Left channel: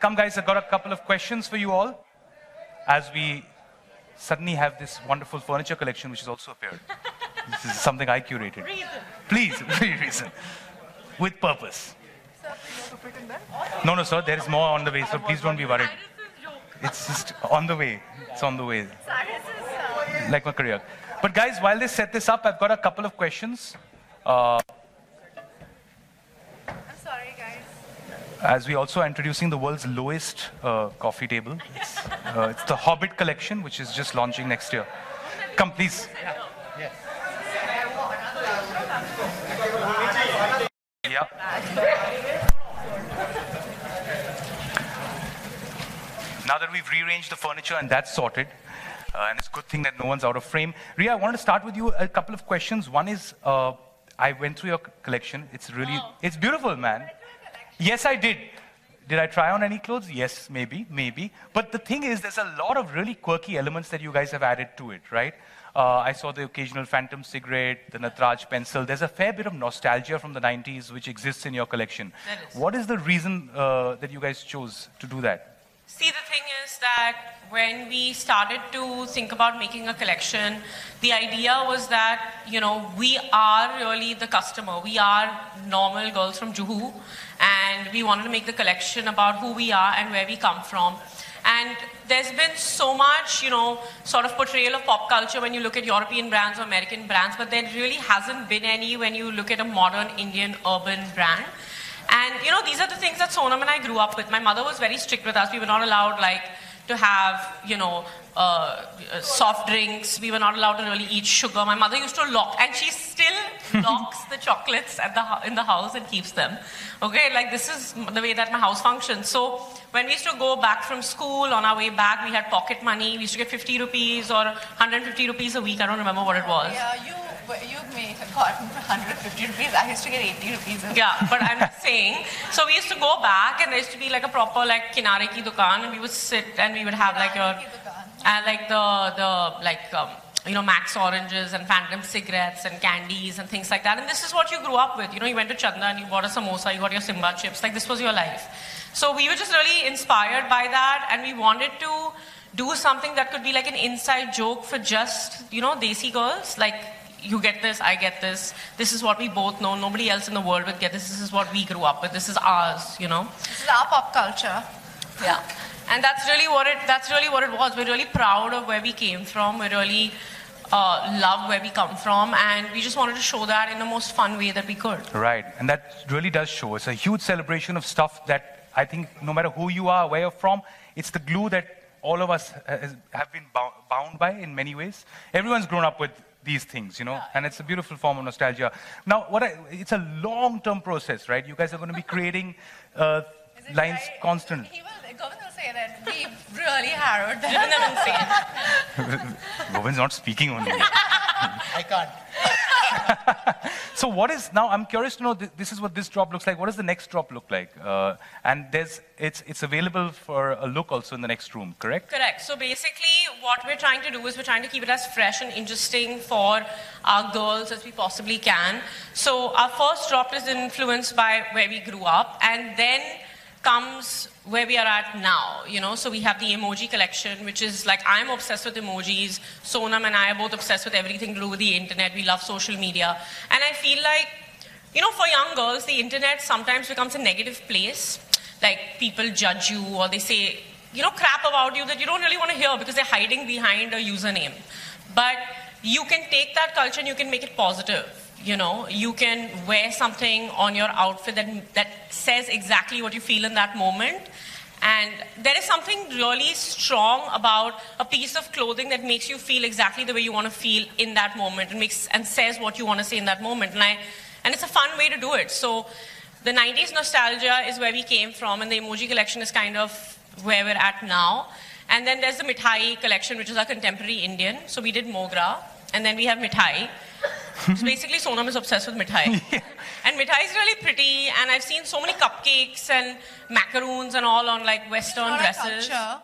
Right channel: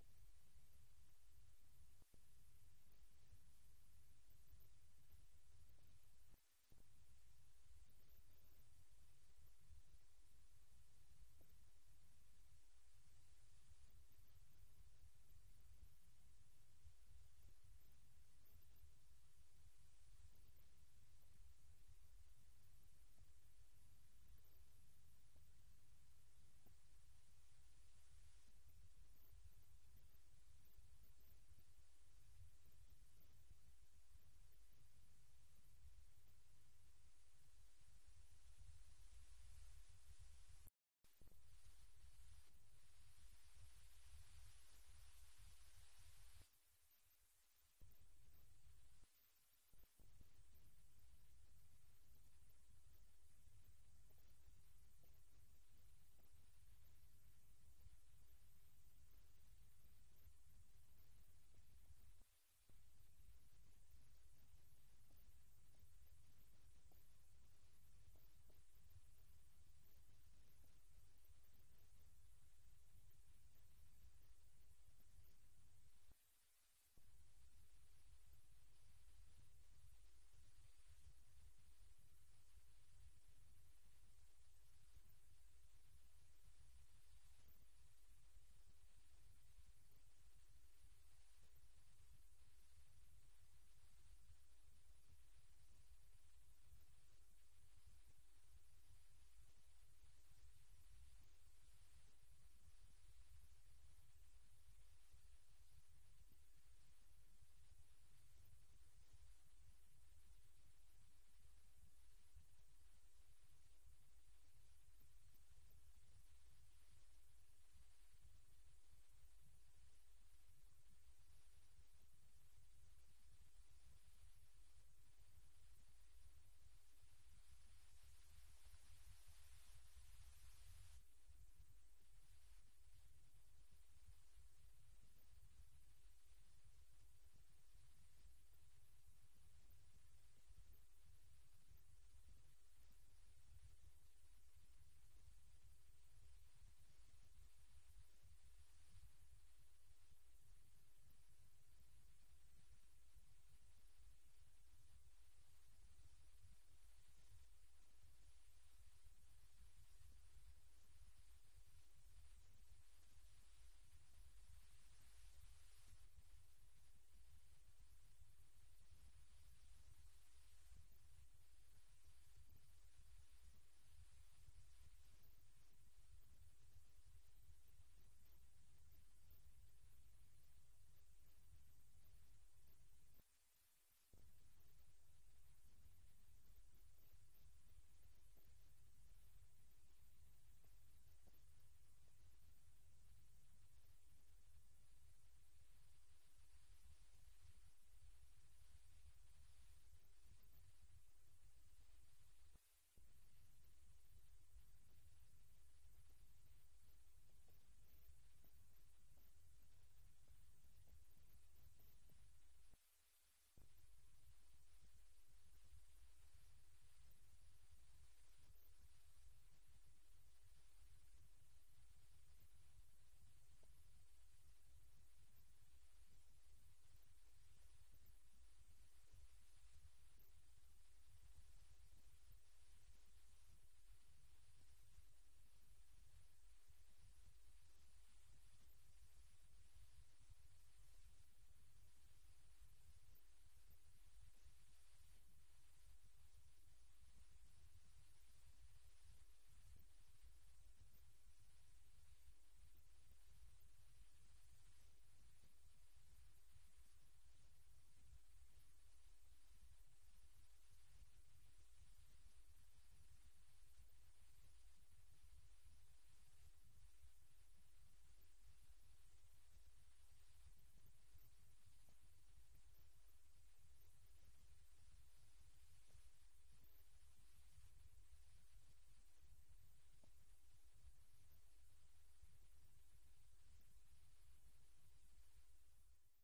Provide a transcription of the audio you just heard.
come guys, I've got a couple of questions for you all. As we suddenly have this wonderful furniture collection which has also appeared. This is something I curated. Reason. Please, Rheson. With purpose. Sir, you want to fit in there? No, sir, there is more on the way, so please don't be worried. It's just on the way. It's on the way. Like my career. But guys, while they set this up, I've got a couple of questions. I'm sorry, guys. As we also are introducing the world's lowest coffee table. It's the Hobbit collection, which is just launching next year. Come, please. Yes. Yeah. Now that we've rearranged the furniture and that's sorted, and it's a good thing that no one's out of frame. Rhea, I wanted to start with you a couple of questions. One is, I went through your collection. It's really, it's beautiful, man. Yes, I did. Did I try on any clothes? Yes, maybe. But the thing is, there's a lot of really quirky elements that you guys have added to it, right? I saw the occasional phantom cigarette, the Natraj pencil. There's a fair bit of nostalgia from the 90s which exists in your collection. What is the reason that you guys chose to do that? See, the thing is that when we started to think about making a collection, the idea was that, you know, we are really the customer. We are normal girls from Juhu, and we wanted to make the collection about who we are and where we come from. And there's been so much, you know, sort of portrayal of pop culture when you look at European brands or American brands, but there really hasn't been any when you look at a modern Indian urban brand. And, you know, these are the things that Sonam and I grew up with. My mother was very strict with us. We were not allowed, like, to have, you know, soft drinks. We were not allowed to really eat sugar. My mother used to lock, and she still locks the chocolates at in the house and keeps them. Okay, like, this is the way that my house functions. So when we used to go back from school, on our way back, we had pocket money. We used to get 50 rupees or 150 rupees a week. I don't remember what it was. Yeah, you may have gotten 150 rupees. I used to get 80 rupees. Yeah, but I'm just saying. So we used to go back, and there used to be like a proper like kinare ki dukan, and we would sit and we would have like your like you know, Max oranges and Phantom cigarettes and candies and things like that. And this is what you grew up with. You know, you went to Chanda and you bought a samosa, you got your Simba chips. Like, this was your life. So we were just really inspired by that, and we wanted to do something that could be like an inside joke for just, you know, Desi girls. Like, you get this, I get this. This is what we both know. Nobody else in the world would get this. This is what we grew up with. This is ours, you know. This is our pop culture. Yeah. And that's really what it was. We're really proud of where we came from. We really love where we come from. And we just wanted to show that in the most fun way that we could. Right. And that really does show. It's a huge celebration of stuff that I think no matter who you are, where you're from, it's the glue that all of us have been bound by in many ways. Everyone's grown up with these things, you know, and it's a beautiful form of nostalgia. Now, it's a long-term process, right? You guys are going to be creating lines constantly. Govind will say that we really harrowed them. Driven them insane. Govind's not speaking only. I can't. So what is, now I'm curious to know, this is what this drop looks like. What does the next drop look like? And it's available for a look also in the next room, correct? Correct. So basically what we're trying to do is we're trying to keep it as fresh and interesting for our girls as we possibly can. So our first drop is influenced by where we grew up, and then comes where we are at now, you know. So we have the emoji collection, which is like, I'm obsessed with emojis. Sonam and I are both obsessed with everything to do with the internet. We love social media. And I feel like, you know, for young girls, the internet sometimes becomes a negative place. Like, people judge you, or they say, you know, crap about you that you don't really want to hear because they're hiding behind a username. But you can take that culture and you can make it positive. You know, you can wear something on your outfit that says exactly what you feel in that moment. And there is something really strong about a piece of clothing that makes you feel exactly the way you want to feel in that moment, and says what you want to say in that moment. And it's a fun way to do it. So the 90s nostalgia is where we came from, and the emoji collection is kind of where we're at now. And then there's the Mithai collection, which is our contemporary Indian. So we did Mogra, and then we have Mithai. So basically, Sonam is obsessed with Mithai. Yeah. And Mithai is really pretty, and I've seen so many cupcakes and macaroons and all on like Western dresses. Culture.